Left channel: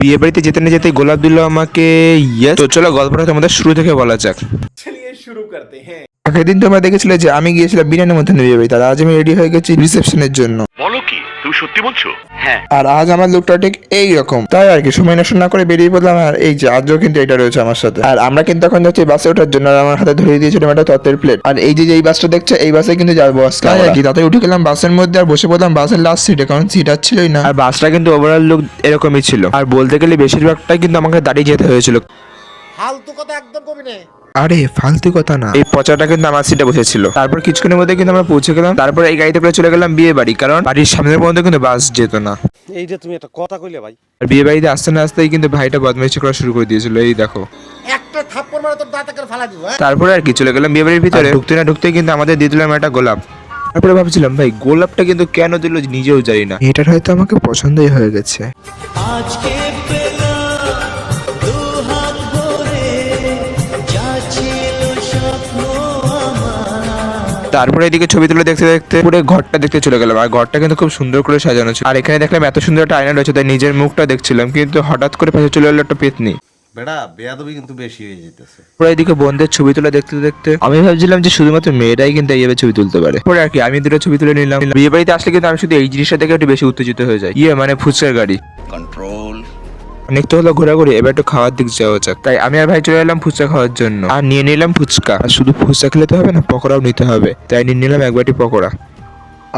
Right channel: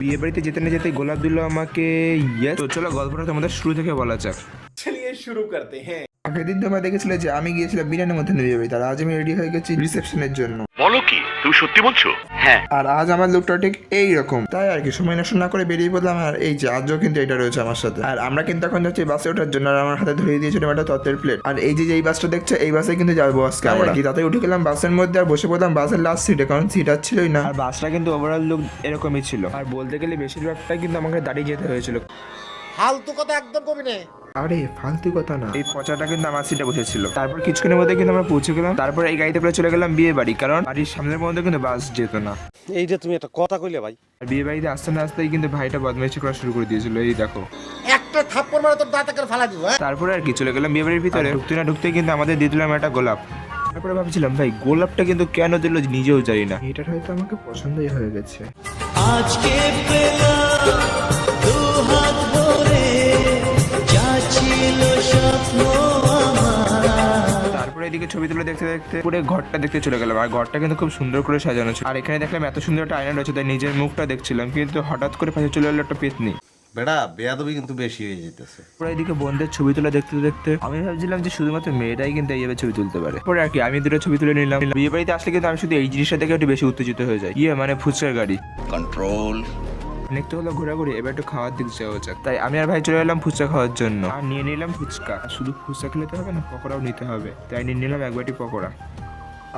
বিয়ে বাড়িতে যেতে না যেতে গোলাপ দিল আমাকে। ইয়েস, তো চলো গল্পটা তোমাদের শুরু থেকে বলা যাক। चलिए शुरू करते हैं। আগের দিন তোমরা দেখেছিলে যে আমি গিয়েছিলাম বিনা নিমন্ত্রণে বিয়ে বাড়িতে, আর আজ আমি রেডি হয়ে গেছি রিসেপশনের জন্য। বলো কি, তুমি সত্যি বলছো? হ্যাঁ। আর আজ আমার লুকটা ঠিক এইরকম, তাই আর কি সময় নষ্ট না করে বেরিয়ে পড়লাম। আর এই যে আজও কিন্তু এটা রয়েছে আমার সাথে। আর আমরা কিন্তু এখন যাচ্ছি বাসে ওঠার জন্য, আর আমার হাতে ধরিয়ে দিয়েছিল একটা তত্ত্বের প্লেট। আর এই যে এই বাসটা দেখছো, এই বাসে কিন্তু যাবো আজকে আর কি। তাতে উঠে গেলাম বাসের মধ্যে আর বসে পড়লাম বাসের লাস্ট সিটে, কারণ সিট আর ছিলই না। আর বাসটা কিন্তু ওভারঅল লুক এরকমই ছিল, আর বলতে গেলে বেশিরভাগটাই কিন্তু আমাকে দাঁড়িয়ে যেতে হয়েছিল। ফালতু কথা একদম কবি না। আরে ফালতু কথা না, এই পচাটা কিন্তু আমার সিটে বসেছিল। তারপর কিছুক্ষণের মধ্যে কিন্তু আমরা পৌঁছে গেলাম। তারপর এই গাড়িতে করে চলে গেলাম বিয়ে বাড়ি, কারণ বাড়ির সামনের পর্যন্ত কিন্তু বাস যেত না। এইটা তুমি একটা কথা কইলে ভাই। আর বিয়ে বাড়িতে আসতে না আসতেই কিন্তু ভাইটা বদমাইশি করা শুরু করে দিয়েছিল, এই দেখো। একটা থাপ্পড় মারা তোর দাঁতে করে ফালা দিব। তারপরে আর কি চলে গেলাম বিয়ে বাড়ির ভিতরে। ঢুকতে না ঢুকতেই কিন্তু আমাদের দিয়ে দিলাম একটা গোলাপ। তারপরে ভাবছিলাম ভাই গোলাপটা কিন্তু কেন দিল নিজেও জানি না, এটার হয়তো আমাকে পছন্দই হয়ে গেছে। আজকে পেলাম দু হাত ভরে যা ছিল স্বপ্ন আমার। তারপরে এদিকে ছবি তুলে দেখতে দেখতে পুরো ঘরটা দেখতে চলে গেলাম। আর ঘরটা কিন্তু খুব সুন্দর করে সাজানো ছিল। আর এখানে দেখলাম এত সুন্দর একটা আয়না রয়েছে, তাই নিজের মুখটা দেখছিলাম, কিন্তু হঠাৎ করে পাশে চলে এলো একটা পেতনি। বেটা বেয়াদবি কিন্তু বেশি হয়ে যেতেছে। পরে এদিকে বোনদের ছবি তুলে দেখতে দেখতে আমি ভাবছিলাম যে শুধুমাত্র মেয়েরাই কিন্তু এইভাবে ছবি তুলতে পারে। পরে আর কি আমি দুটো ছবি তুলে নিলাম। বিয়ে বাড়িতে আসলে কিন্তু আমি শুধু এই জিনিসটা দেখে একটু বেশি উত্তেজিত হয়ে যাই। মানে ফুচকার গাড়ি কন্ট্রোল। অনেক তো হলো ঘোরাঘুরি, এবার একটু খাওয়ার দিক যাওয়া যাক। তাই আমি আর ভাই চলে এলাম ফুচকা খাওয়ার জন্য। আর নিয়ে নিলাম ফুচকা। আর শুধু ফুচকা খেলে তো হবে না, পকোড়াও নিতে হবে, তাই নিয়ে নিলাম এক বাটি পকোড়া।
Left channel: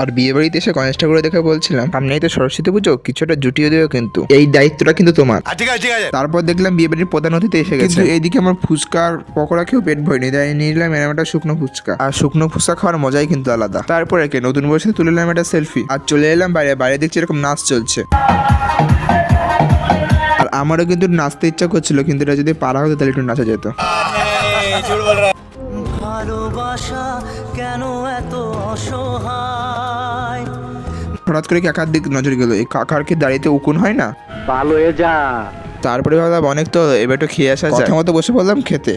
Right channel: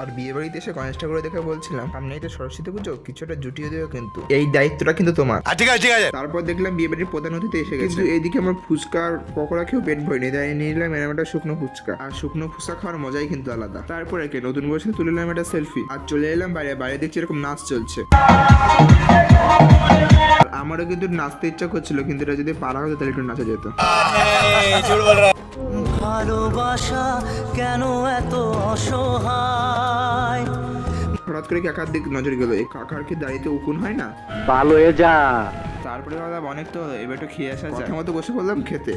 আর বিয়ে বাড়িতে এসে গণেশ ঠাকুর দেখে বলছিলাম সামনেই তো সরস্বতী পুজো, কিছুটা জুটিয়ে দেবে, কিন্তু এই দায়িত্বটা কিন্তু তোমার। ঠিক আছে ঠিক আছে। তারপর দেখলাম বিয়ে বাড়ির প্রধান অতিথি এসে গেছে, কিন্তু এইদিকে আমার ফুচকার পকোড়া খেয়েও পেট ভরেনি, তাই নিয়ে নিলাম এরকম একটা শুকনো ফুচকা। আর শুকনো ফুচকা খাওয়ার মজাই কিন্তু আলাদা। তারপরে কে নতুন বয়সে তুলে নিলাম একটা সেলফি। আর চলে এলাম বাইরে। বাইরে দেখছি এরকম নাচ চলছে। আর আমারও কিন্তু নাচতে ইচ্ছা করছিল, কিন্তু এটা যদি পারা হতো তাহলে একটু নাচা যেত। ভালোবাসা কেন এত অসহায়। হঠাৎ করে কাকার দিক নজর গেল, এই কাকার কি দাঁড়িয়ে উকুন হয় না? ভালো হয়ে যা। তারপরে ভাবলাম অনেক তো, এবার একটু খেয়ে আসা যায়। কথা মতো বসে পড়লাম খেতে।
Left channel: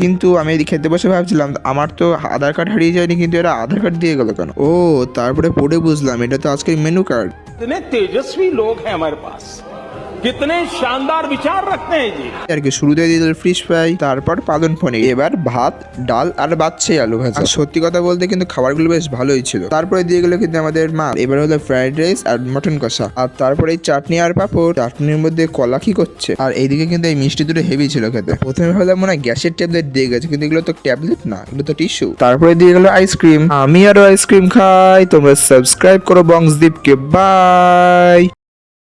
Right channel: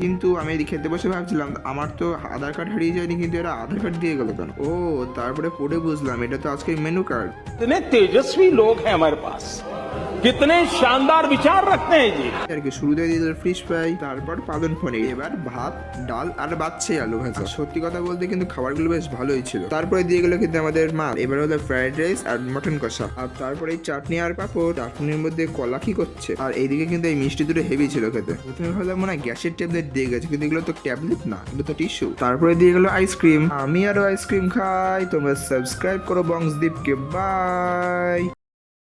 কিন্তু আমি এদিকে খেতে বসে ভাবছিলাম আমার তো আধার কার্ড হারিয়ে যায়নি, কিন্তু এরা আধার কার্ড দিয়ে গেল কেন? ও তারপরে পড়ে বুঝলাম এটা তো আজকের মেনু কার্ড। कितने तेजस्वी लोग हैं हमारे पास, कितने शानदार विचार रखते हैं जी। আর কি শুরুতে দিয়ে দিল ফিশ ফ্রাই, তারপর পালন পনির, এবার ভাত ডাল আর বাচ্চাই আলু ভাজা। আর সত্যি কথা বলতে কিন্তু খাবারগুলো বেশ ভালোই ছিল। তারপরে দিয়ে গেলো কিন্তু আমাদের মা, এবার হলো ফ্রাইড রাইস আর মটন কষা। আর তারপরে এই চাটনি আর পাঁপড়। চাটনির মধ্যে কলা কি করছে। আর এইদিকে কিন্তু এই মিষ্টি দুটো হেভি ছিল খেতে। প্রথমে ভাবলাম মনে হয় গ্যাসের ট্যাবলেট দিয়ে গেছে, কিন্তু এগুলো তো ট্যাবলেট না, এগুলো তো টিস্যু। তারপরে দিয়ে গেলো আইসক্রিম। আমি আরো আইসক্রিম খাই। তোমরা সাবস্ক্রাইব করো বংশদীপকে। বাই।